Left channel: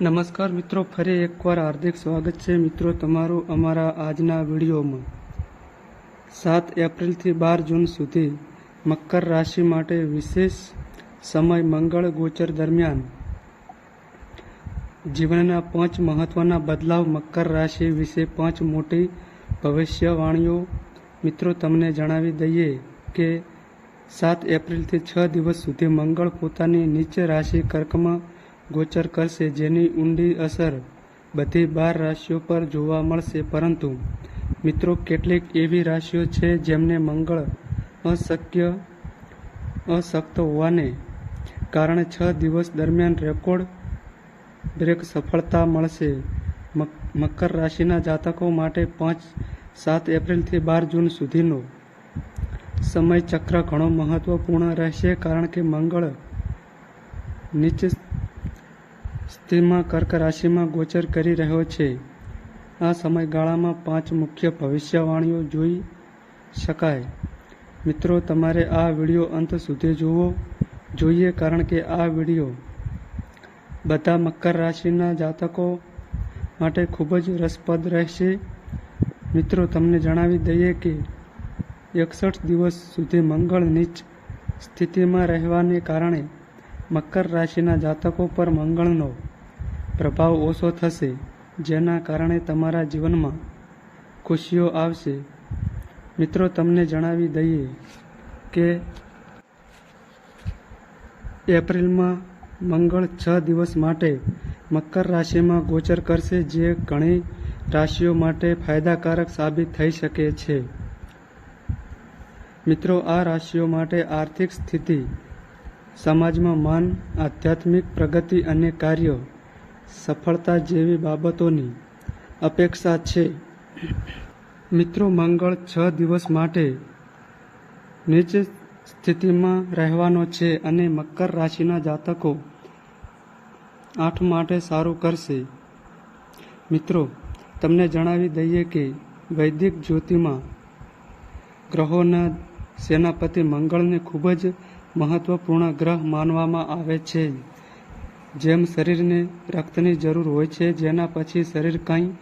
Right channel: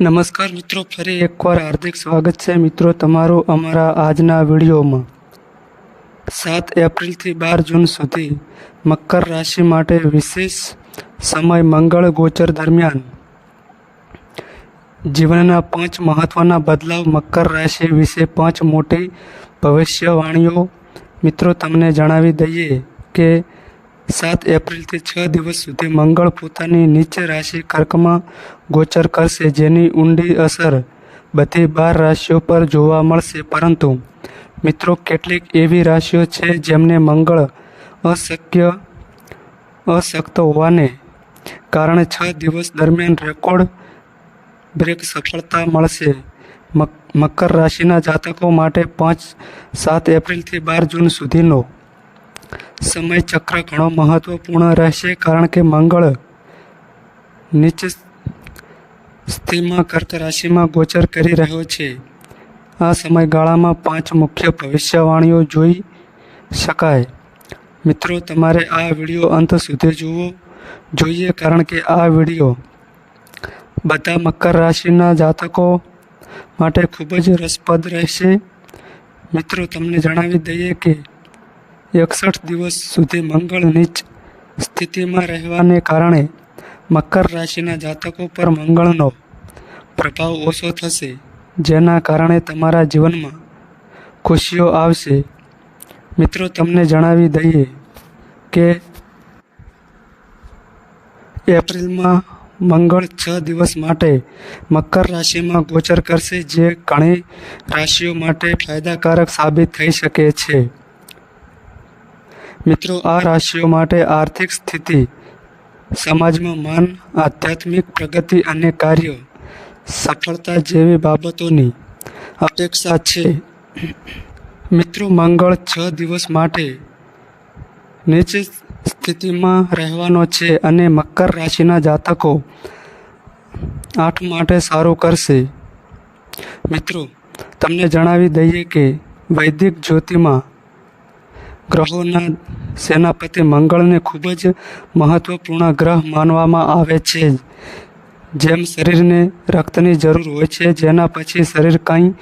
નમસ્કાર મિત્રો, ફરી એકવાર હાર્દિક સ્વાગત છે મિત્રો તમારું અમારા આજના વિડીયોમાં। 7 એપ્રિલથી 12 જૂન સુધી મકર રાશિ માટે વિશેષ સમય મંગળ ગોચર દરમિયાન જીવનના 5 મહત્વના બદલાવ મકર રાશિ વિશે 5 મોટી ભવિષ્યવાણીઓ મિત્રો તમને જણાવી દઈએ કે 7 એપ્રિલથી 6 દિવસ સુધી મંગળ પોતાની નીચ રાશિ કર્કમાં ગોચર કરશે, જેની ઊંડી અસર બધી 12 રાશિઓ પર જોવા મળશે। પરંતુ મિત્રો કેટલીક એવી રાશિઓ છે જેમને મંગળ અશક્ત હોવાને કારણે 6 દિવસ દરમિયાન રેકોર્ડ બ્રેક સફળતા મળશે। મકર રાશિના જાતકો માટે 7 એપ્રિલથી 12 જૂન સુધીનો સમય ચક્ર ઘણો મહત્વપૂર્ણ રહેશે, કારણ કે મંગળ નીચ સ્થિતિમાં કર્ક રાશિમાં ગોચર કરી રહ્યો છે। આ સમયગાળામાં 5 મુખ્ય ભવિષ્યવાણીઓ જોઈ શકાય। મિત્રો તમારે આ વિડીયો અંત સુધી જોવો જોઈએ, કારણ કે આ વિડીયો બધા મકર રાશિના જાતકો માટે ખૂબ જ રસપ્રદ રહેશે। મિત્રો તમને જણાવી દઈએ કે 61 દિવસ સુધી મંગળ નીચ સ્થિતિમાં રહેવાને કારણે મકર રાશિના જાતકો પર મંગળનો પ્રભાવ ઓછો થશે, જેના કારણે તમારા જીવનમાં ખુશીઓ આવશે। મિત્રો તમને જણાવી દઈએ કે એપ્રિલમાં મંગળ 6 દિવસ માટે મકર રાશિમાં ગોચર કરશે, જે ઘણી રાશિઓ માટે ફાયદાકારક સાબિત થઈ શકે છે। મિત્રો આ રાશિઓ માટે આર્થિક સ્થિતિ, સમાજમાં માન, આધ્યાત્મિક પ્રગતિ અને કાર્ય સફળતા જેવી બાબતોની અપેક્ષા છે। મિત્રો મંગળ 6 દિવસ માટે નીચ સ્થિતિમાં રહેવાનો છે અને મકર રાશિના જાતકો 8 માટે સારું કરશે। મિત્રો તમને જણાવી દઈએ કે વૈદિક જ્યોતિષમાં ગ્રહોના સેનાપતિ મંગળને ખૂબ જ મહત્વપૂર્ણ ગ્રહ માનવામાં આવે છે। જેમ શરીરને રક્તની જરૂર હોય છે, જેના પછી શરીર કંઈ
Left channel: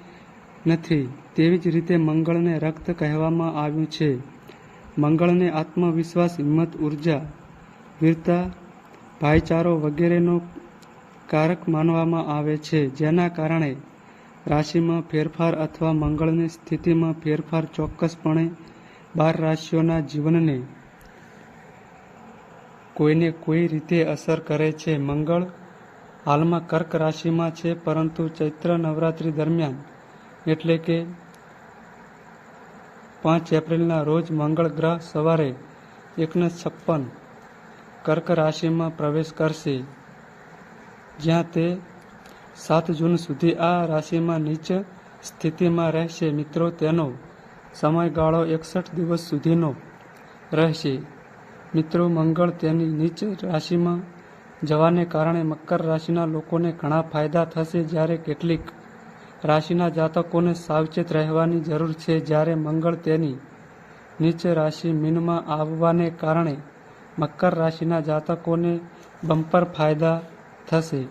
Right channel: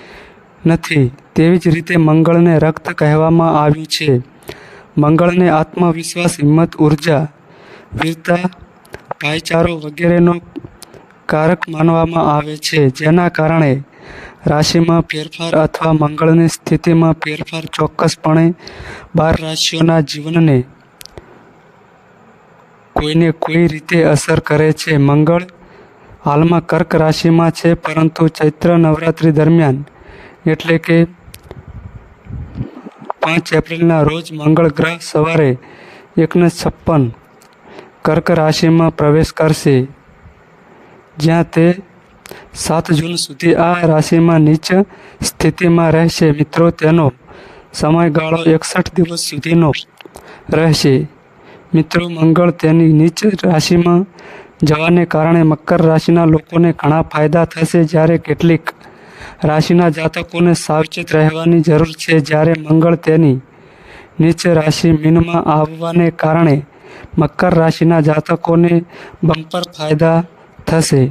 નથી, તેવી જ રીતે મંગળને રક્ત કહેવામાં આવ્યું છે। મંગળને આત્મવિશ્વાસ, હિંમત, ઉર્જા, વીરતા, ભાઈચારો વગેરેનો કારક માનવામાં આવે છે, જેના કારણે રાશિમાં ફેરફાર અથવા મંગળની સ્થિતિમાં ફેરફાર ચોક્કસપણે 12 રાશિઓના જીવનને કોઈને કોઈ રીતે અસર કરે છે। મંગળ હાલમાં કર્ક રાશિમાં છે, પરંતુ ચૈત્ર નવરાત્રિ દરમિયાન એટલે કે 5 એપ્રિલના રોજ મંગળ ગ્રહ સવારે 1:56 કર્ક રાશિમાં પ્રવેશ કરશે, જ્યાં તે 7 જૂન સુધી આ રાશિમાં નીચ સ્થિતિમાં રહેશે। મિત્રો તેનો સમયગાળો 61 દિવસ સુધીનો રહેશે। મિત્રો મંગળ તેની નીચ રાશિમાં જવાને કારણે મકર રાશિના લોકોને ઘણા ફાયદા થશે, જ્યારે કેટલીક રાશિના જાતકોને સાવચેત રહેવાની જરૂર છે। જ્યારે મંગળ તેની નીચ રાશિ મીનમાં આવવાને કારણે મકર રાશિના જાતકોને બમ્પર ફાયદા થશે।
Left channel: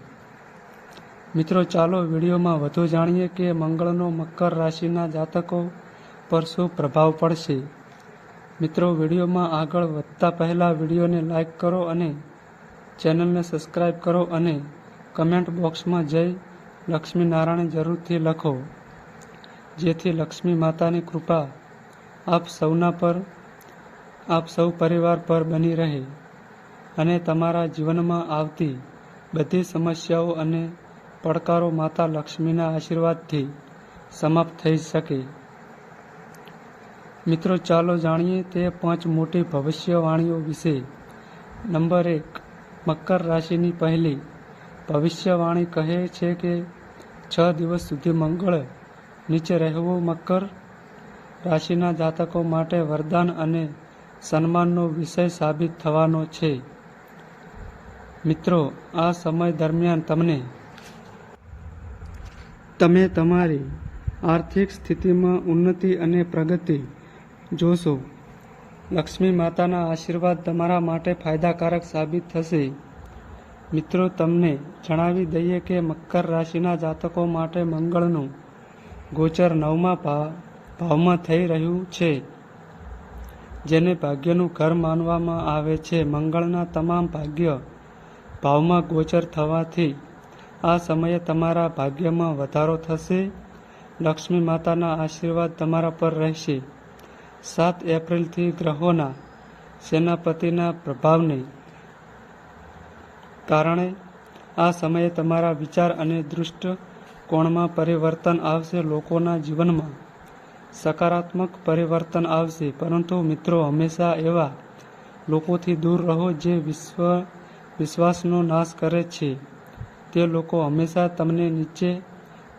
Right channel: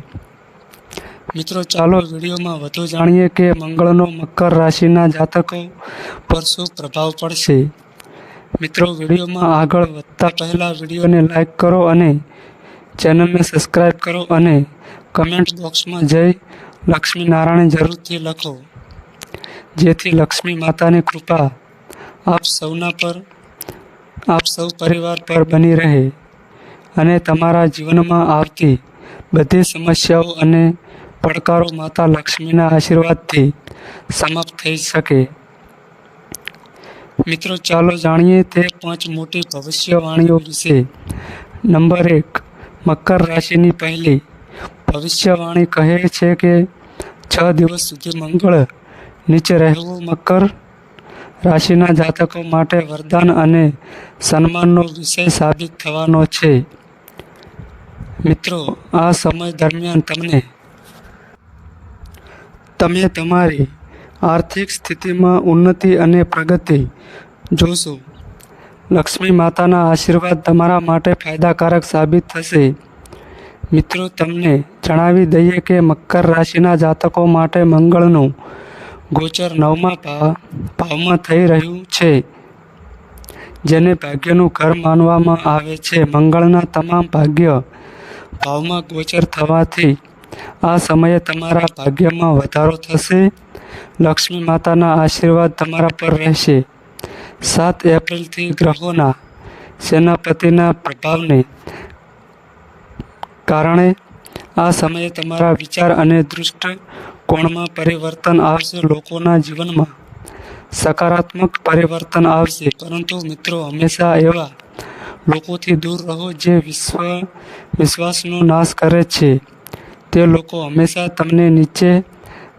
મિત્રો ચાલો વિડીયોમાં વધુ જાણીએ કે મંગળનો મકર રાશિના જાતકો પર શું પ્રભાવ પડશે। મિત્રો વિડીયોમાં આગળ વધતા પહેલાં વિડીયોને લાઈક કરો અને ચેનલને સબસ્ક્રાઈબ કરો અને કમેન્ટ બોક્સમાં જય લક્ષ્મી નારાયણ જરૂરથી લખો, જેથી લક્ષ્મી માતાની કૃપા આપ સૌ પરિવાર પર બની રહે અને તમારા જીવનમાં આવતી બધી સમસ્યાઓ અને પડકારો માતા લક્ષ્મીના આશીર્વાદથી સમાપ્ત થઈ શકે। મિત્રો ચાલો જાણીએ તે 5 મોટી ભવિષ્યવાણીઓ વિશે। નંબર 1, મકર રાશિની પહેલી ભવિષ્યવાણી કહે છે કે 6 દિવસ સુધી મંગળ નીચે રહેવું મકર રાશિના જાતકો માટે વરદાન અને સન્માનનો વિષય સાબિત થવાનો છે। મિત્રો આ સમય દરમિયાન તમે તમારી આર્થિક સ્થિતિમાં ઉન્નતિ અને પ્રગતિ જોશો। લક્ષ્મી માતાના આશીર્વાદ તમારા માટે ફાયદાકારક સાબિત થશે। મિત્રો, તમને જણાવી દઈએ કે મકર રાશિના જાતકો માટે મંગળનું ગોચર 9મા ભાવમાં થઈ રહ્યું છે, જેને ભાગ્યનું ઘર માનવામાં આવે છે. મંગળના તમામ ભાગ્ય ભાવમાં ગોચર થવાથી આ સમયે તમારા ભાગ્યમાં વધારો થશે. લક્ષ્મી માતાના આશીર્વાદ તમારા પર રહેશે. 7 એપ્રિલથી ગ્રહોના સેનાપતિના પ્રભાવને કારણે આ સમયે તમારા વિચાર અને દૃષ્ટિકોણમાં પરિવર્તન આવશે. લોકોના જીવનમાં સકારાત્મક પરિવર્તન આવશે. પરંતુ મિત્રો, હંમેશા એવા લોકોથી દૂર રહો જે વિશ્વાસનો નાશ કરે છે. તે લોકો હંમેશા તમને નીચે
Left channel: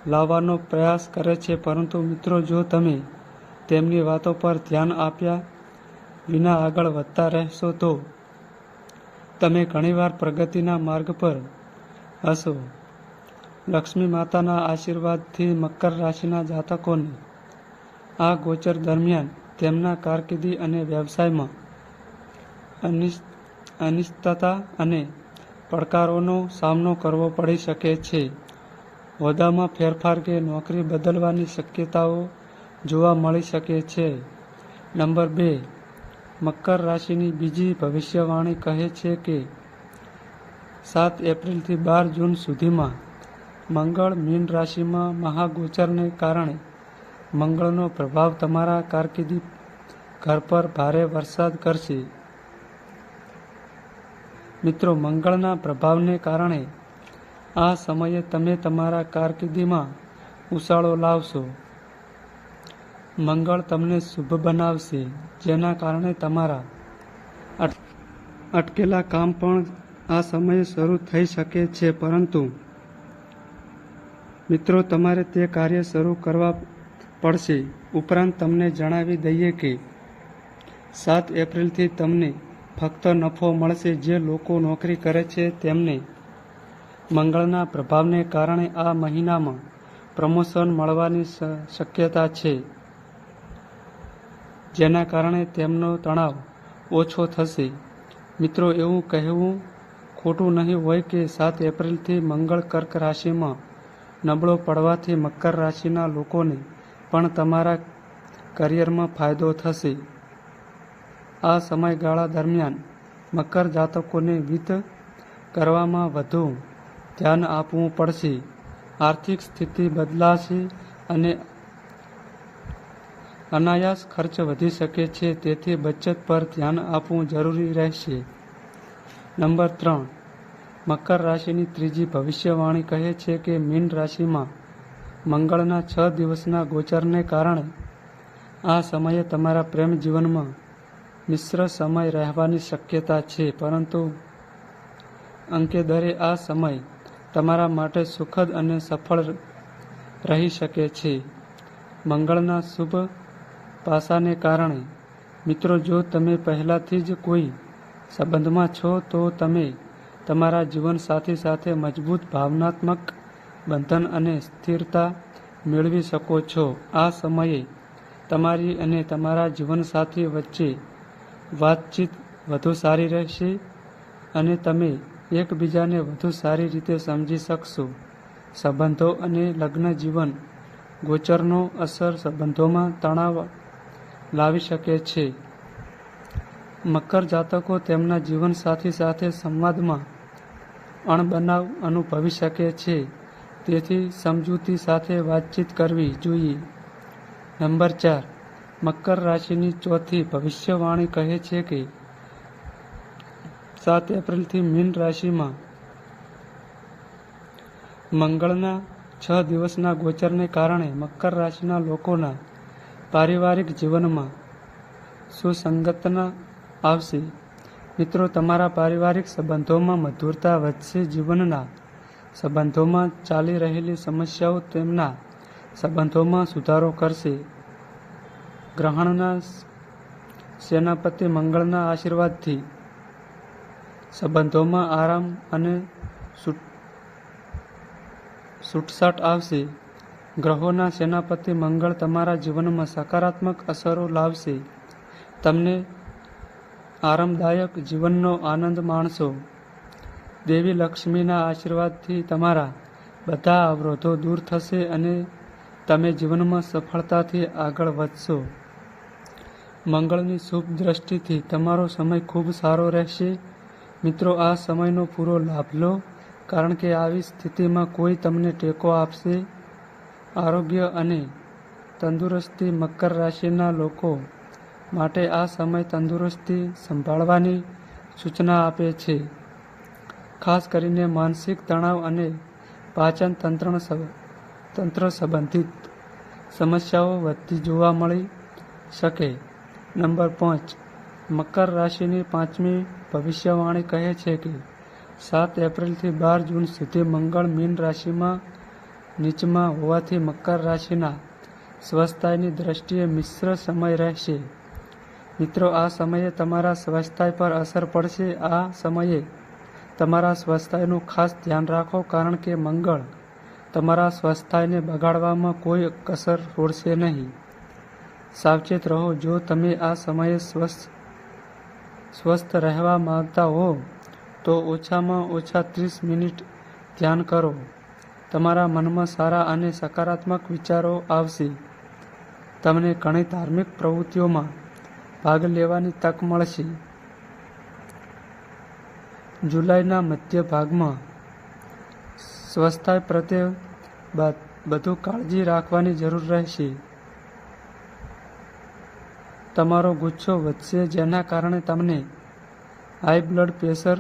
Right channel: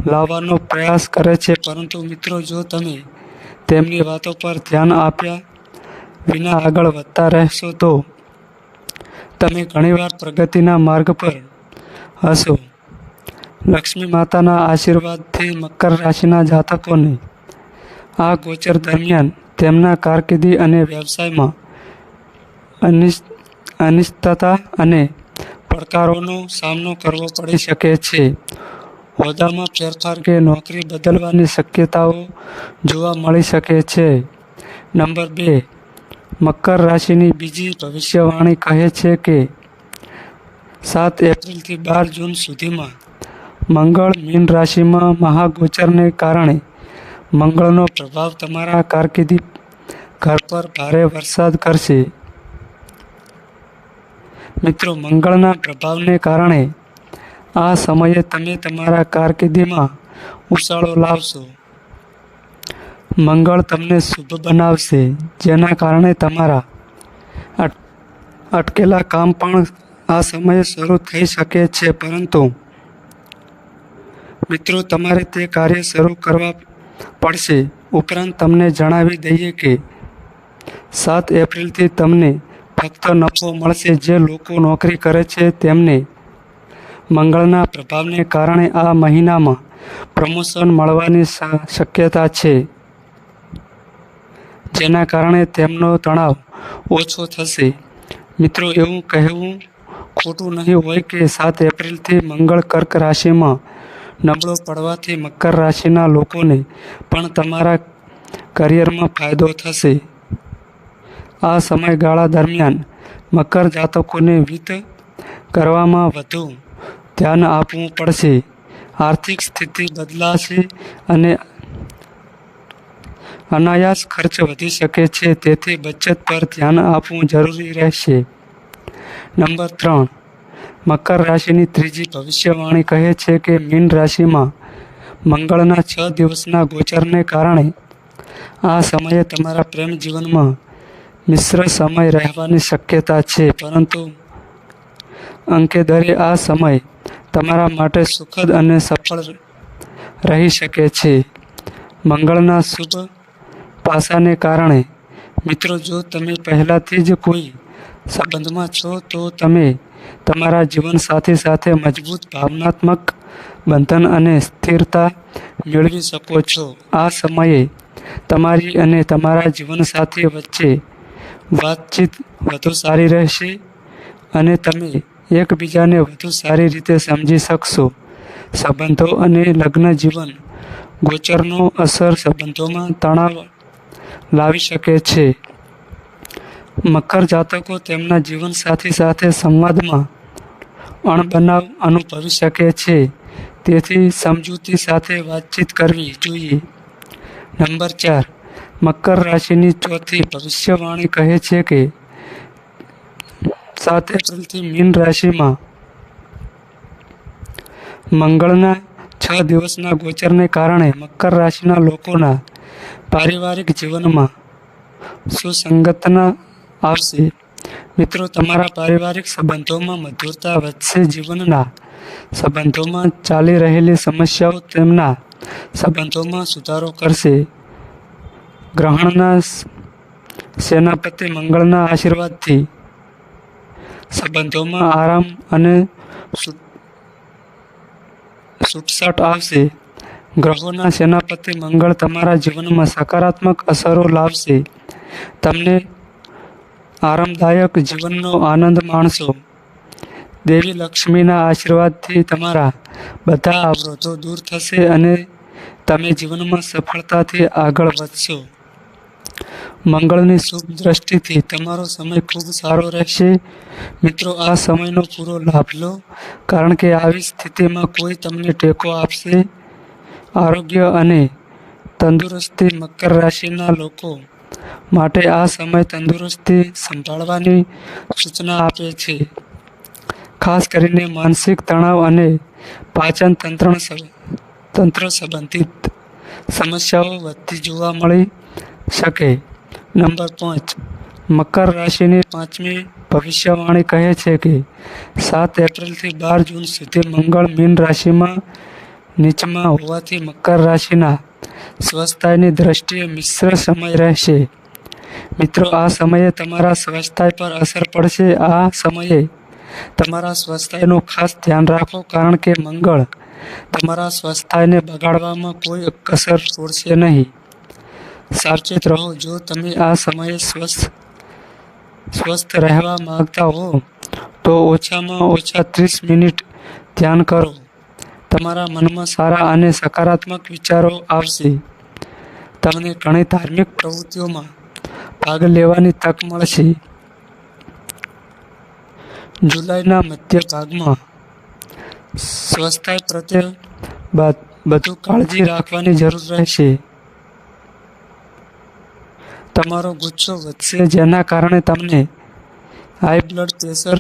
લાવવાનો પ્રયાસ કરે છે. પરંતુ મિત્રો, જો તમે તેમની વાતો પર ધ્યાન આપ્યા વિના આગળ વધતા રહેશો તો તમે ઘણીવાર પ્રગતિના માર્ગ પર હશો. લક્ષ્મી માતાના આશીર્વાદથી મકર રાશિના જાતકોને આ ગોચર દરમિયાન તેમના કારકિર્દી અને વ્યવસાયમાં અનિશ્ચિતતા અને પડકારોનો સામનો કરવો પડી શકે છે. હોદ્દામાં ફેરફાર કે નોકરી બદલવાની શક્યતાઓ જોવા મળી શકે છે. નંબર 2, મકર રાશિની બીજી ભવિષ્યવાણી કહે છે કે 7 એપ્રિલથી 12 જૂન સુધીમાં મંગળ મીન રાશિમાં મહાગોચરને કારણે મંગળનો પ્રભાવ તમારા કારકિર્દી ઘર પર ભારે વરસાદ કરશે. મિત્રો, મંગળના પ્રભાવને કારણે આ સમયે તમે તમારા કારકિર્દીમાં ઉછાળો લાવશો. મંગળ તમને શુભ બનાવશે, જેના કારણે તમારા અટકેલા કામ પણ આ સમયે શરૂ થઈ શકે છે. પરંતુ મિત્રો, તમારે તે કાર્ય શરૂ કરવા પડશે. ઉપરાંત તમને જણાવી દઈએ કે 7 એપ્રિલથી તમને ફક્ત નફો મળશે. જે લોકો નોકરી કરે છે તેમને મંગળના પ્રભાવને કારણે આ મહિનામાં પ્રમોશન મળવાની શક્યતા છે, જેના કારણે તેમનો તણાવ ઓછો થશે. મિત્રો, એવું કહેવું ખોટું નહીં હોય કે 7 એપ્રિલથી મંગળ કર્ક રાશિમાં નબળો પડવાથી મકર રાશિના લોકોને પણ તમારા કરિયરમાં ફાયદો થશે. આ સમયગાળા દરમિયાન મકર જાતકોને વિત્ત કરવામાં વધુ ધ્યાન આપવું પડશે. આર્થિક સ્થિતિ બદલાશે અને અનાયાસ ખર્ચ વધી શકે છે, તેથી બચત પર ધ્યાન આપવું જરૂરી રહેશે. નંબર 3, મકર રાશિની ત્રીજી ભવિષ્યવાણી કહે છે કે મીન રાશિમાં મંગળના 6 દિવસના ગોચરને કારણે આ સમયે તમારા પ્રેમ જીવનમાં મિશ્ર સમય રહેવાની શક્યતા છે. પરંતુ અંકેદરે આ સમય તમારા માટે સુખદ અને સફળ રહી શકે છે. મંગળના શુભ પાસાને કારણે મિત્રો, જો તમે પહેલાથી જ કોઈ સંબંધમાં છો તો તમે તમારા જીવનસાથી સાથે મજબૂત ભાવનાત્મક બંધન અને સ્થિરતા મેળવી શકો છો. આ સમયે તમારી અને તમારા જીવનસાથી વચ્ચે વાતચીત વધુ સારી રહેશે અને તમે એકબીજાને વધુ સારી રીતે સમજી શકશો. સંબંધો અને લગ્ન જીવન ગોચરનો અસર સંબંધોમાં તણાવ લાવી શકે છે. મકર જાતકો તેમના જીવનસાથી સાથે સંવાદમાં અણબનાવ અનુભવી શકે છે, તેથી સમજૂતી સાથે વાતચીત કરવી જોઈએ. નંબર 4, મકર રાશિની ચોથી ભવિષ્યવાણી કહે છે કે 7 એપ્રિલથી મીન રાશિમાં મંગળના 6 દિવસના ગોચરને કારણે મકર રાશિના લોકોના પારિવારિક જીવનમાં સુસંગતતા આવશે. મિત્રો, તમારા પારિવારિક સંબંધોમાં મધુરતા વધશે. જીવનના સંબંધોમાં ચાલી રહેલી સમસ્યાઓ તેમના સંબંધોમાં સુધારો કરશે. ગ્રહણના સેનાપતિ મંગળના આશીર્વાદથી સંબંધોમાં આરામ અને છૂટછાટ આવશે. ગ્રહોના સેનાપતિ મંગળ તમારા જીવનમાં સકારાત્મક અસરો લાવશે. તમને આરામદાયક જીવનનો આનંદ માણશો. દેવી લક્ષ્મીના આશીર્વાદથી તમારા બધા અવરોધો દૂર થશે અને તમે જીવનમાં સફળતાથી આગળ વધશો. મંગળની શુભ દ્રષ્ટિથી તમારો સમય ખૂબ સારો રહેશે. મિત્રો, આ સમયનો પૂરો લાભ લો, કારણ કે આવી સ્થિતિમાં કોઈ તમને ટેકો આપશે. આરોગ્ય અને તંદુરસ્તી. મકર રાશિના લોકો માટે આ સમય તંદુરસ્તી સંભાળવાની સૂચના આપે છે. ખાસ કરીને માનસિક તણાવ અને પાચન તંત્ર સંબંધિત સમસ્યાઓ વધતી જોવા મળી શકે. નંબર 5. મકર રાશિની પાંચમી ભવિષ્યવાણી કહે છે કે 7 એપ્રિલથી 12 જૂન સુધી મંગળ મીન રાશિમાં નીચમાં હોવાથી મકર રાશિના સ્વાસ્થ્યની દ્રષ્ટિએ મિશ્ર સમય રહેશે. મિત્રો, આ સમયે તમારા સ્વાસ્થ્ય પર અસર પડશે. આ સમયે તમારા સ્વાસ્થ્યનું ખાસ ધ્યાન રાખો, કારણ કે મંગળ તમારા સ્વાસ્થ્યને બગાડવામાં કોઈ કસર છોડશે નહીં. સાવચેત રહો. જો તમે આ સમયે સ્વસ્થ રહેવા માંગતા હો તો ઓછામાં ઓછા 30 મિનિટ ધ્યાન કરો. તમારા મનમાં સારા અને સકારાત્મક વિચારો આવશે. તમને ઘણી ધાર્મિક પ્રવૃત્તિઓમાં ભાગ લેવાની તક મળશે. જુલાઈના મધ્ય ભાગમાં સ્વાસ્થ્ય પ્રત્યે વધુ કાળજી રાખવાની જરૂર રહેશે. તમારો ગુસ્સો વધશે, જેના કારણે તમને હાઈ બ્લડ પ્રેશર,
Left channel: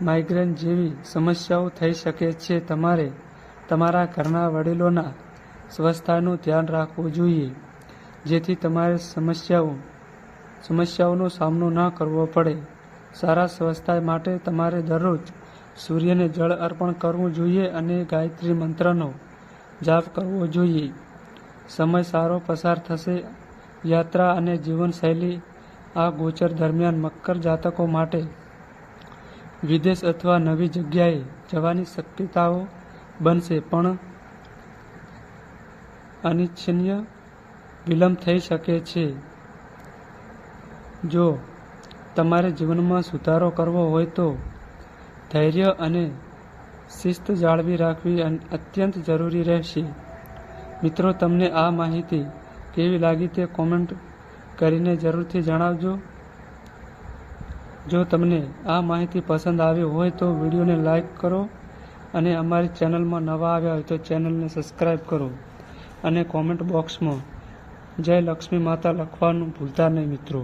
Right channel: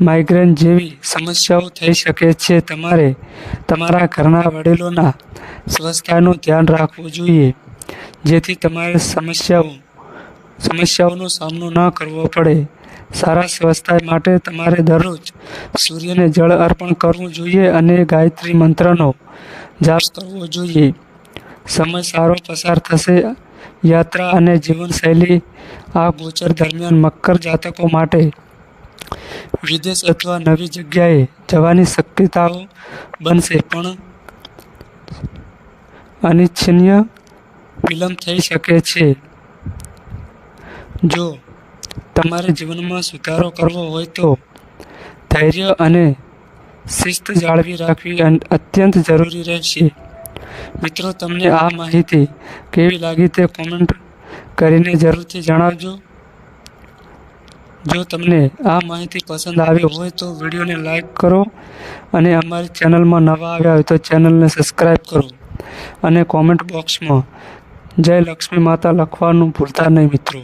માઇગ્રેન જેવી સમસ્યાઓ થઈ શકે છે. તમારે તમારા ઘરના વડીલોના સ્વાસ્થ્યનું ધ્યાન રાખવું જોઈએ, જેથી તમારે સમસ્યાઓનો સામનો ન કરવો પડે. સારા સ્વાસ્થ્ય માટે તમારે દરરોજ સૂર્યને જળ અર્પણ કરવું જોઈએ અને ગાયત્રી મંત્રનો જાપ કરવો જોઈએ. સમય સારો પસાર થશે. યાત્રા અને જીવનશૈલી. આ ગોચર દરમિયાન મકર જાતકો માટે વિદેશ અથવા નવી જગ્યાએ જવાની શક્યતાઓ બનશે, પણ અનિચ્છનીય વિલંબ થઈ શકે છે. જો તમારે જીવનમાં સુધારો કરવો હોય તો ધૈર્ય અને શિસ્ત જાળવી રાખવી અત્યંત જરૂરી રહેશે. મિત્રો, તમને આ માહિતી કેવી લાગી તે કોમેન્ટ કરીને જરૂરથી જણાવજો. જો તમને આ માહિતી પસંદ આવી હોય તો વિડીયોને લાઈક કરો અને અમારી ચેનલમાં નવા આવ્યા હોય તો ચેનલને સબસ્ક્રાઈબ કરો અને કોમેન્ટ બોક્સમાં જય લક્ષ્મી માતા લખવાનું ભૂલતા નહીં મિત્રો.